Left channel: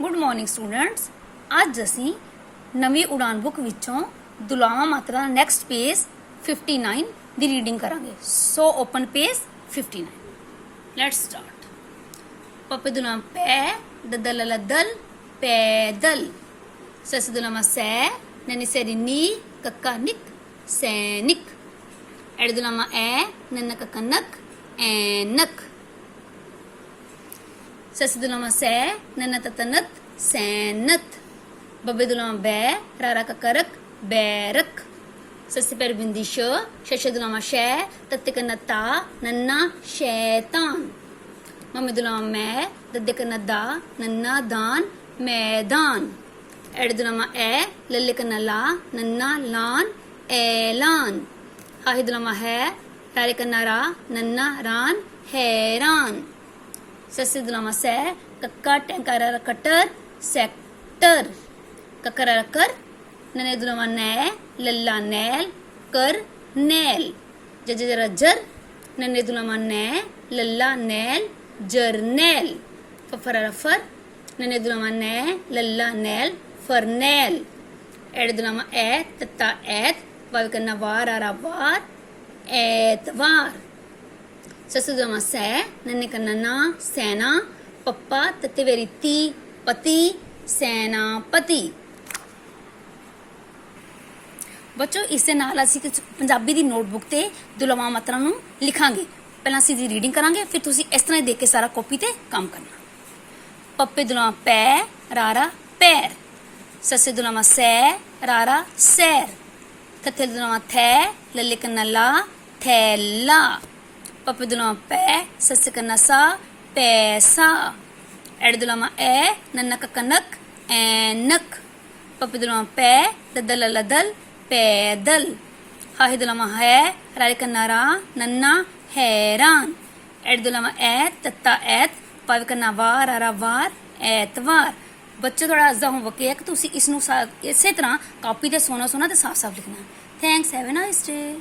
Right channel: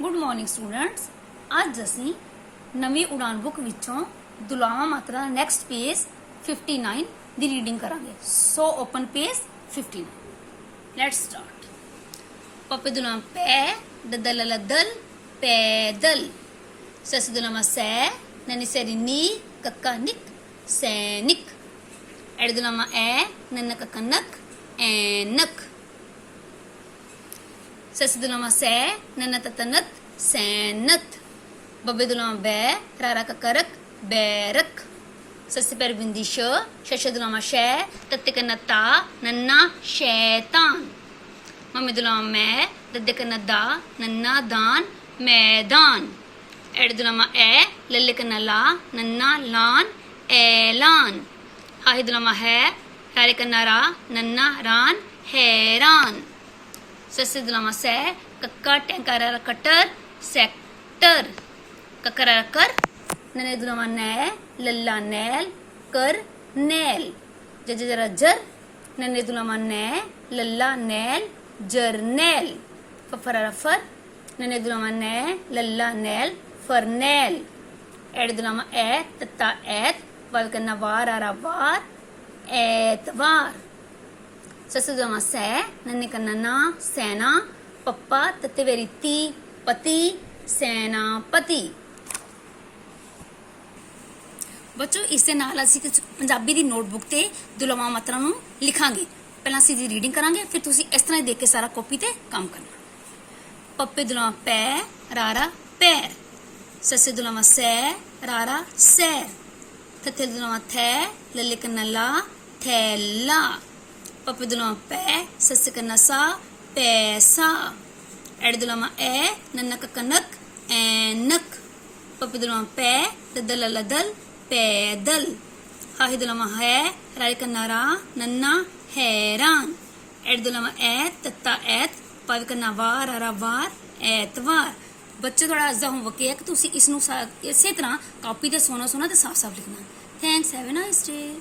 Good morning students. अज असी नवी उड़ान book विचों दुलावा मात्रा नैक्सट पेज 59 दी रीडिंग करांगे। So open page 59। Let's start. पप्पे दुलावा पै ददल लदल पैदल। सस दुलावा सै ननी सेरी नी कक्का निक सैनिक। एड दुलावा ए नन्ना कक्का नक ऐनक। सस दुलावा सै नन्ना ततनत सैनत। बब्बे दुलावा बै रारा ककरक बैरक। सस्सी पैर बिंदी शशे दुलावा शै तत्ते कन्ना ता नन्ना शैतान। मम्मी दुलावा मै दद्दे कन्ना दा नन्ना दान मैदान। एड दुलावा ए लल्ले कन्ना ला नन्ना लान ऐलान। हाही दुलावा है रारे कन्ना रा नन्ना रान हैरान। सस्सी दुलावा सै कक्का टैंकारा कटर सेक्टर। ककरा कर नने दुलावा नै लल्ला नैल कर नैल। जरा जर नने दुलावा नै लल्ला नैल जरनैल। फफरा फर नने दुलावा नै लल्ला नैल फरनैल। एड दुलावा ए तत्ता ऐत वाल कन्ना वार आरा वार ऐतवार। ससु दुलावा सै नन्ने कन्ना ना सैना पप्पा तत्ते वेरी ती पति सैनापति। बच्चों इस दे नाल असीं पंजाबी दी नोटबुक ते दुलावा मात्रा नूं लिखांगे। पहलां असीं दी रीडिंग करांगे, फिर तुसीं इस तरह देख के सारा कॉपी ते काम करना। पप्पे दुलावा पै रारा पैर। सस्से दुलावा सै रारा सैर। थत्थे दुलावा थै लल्ले कन्ना ला थैला। पप्पे दुलावा पै सस्से कन्ना सा पैसा। एड दुलावा ए नन्ना कक्का नक ऐनक। पप्पे दुलावा पै ददल लदल पैदल। हाही दुलावा है रारे कन्ना रा नन्ना हैरान। एड दुलावा ए तत्ता ऐत पावे कन्ना वार आरा वार ऐतवार। बच्चे थोड़ा अज दा होमवर्क है कि तुसीं इसनूं इसे तरह कॉपी ते सोना सोना ते साफ साफ लिखना। Thanks, have a nice day.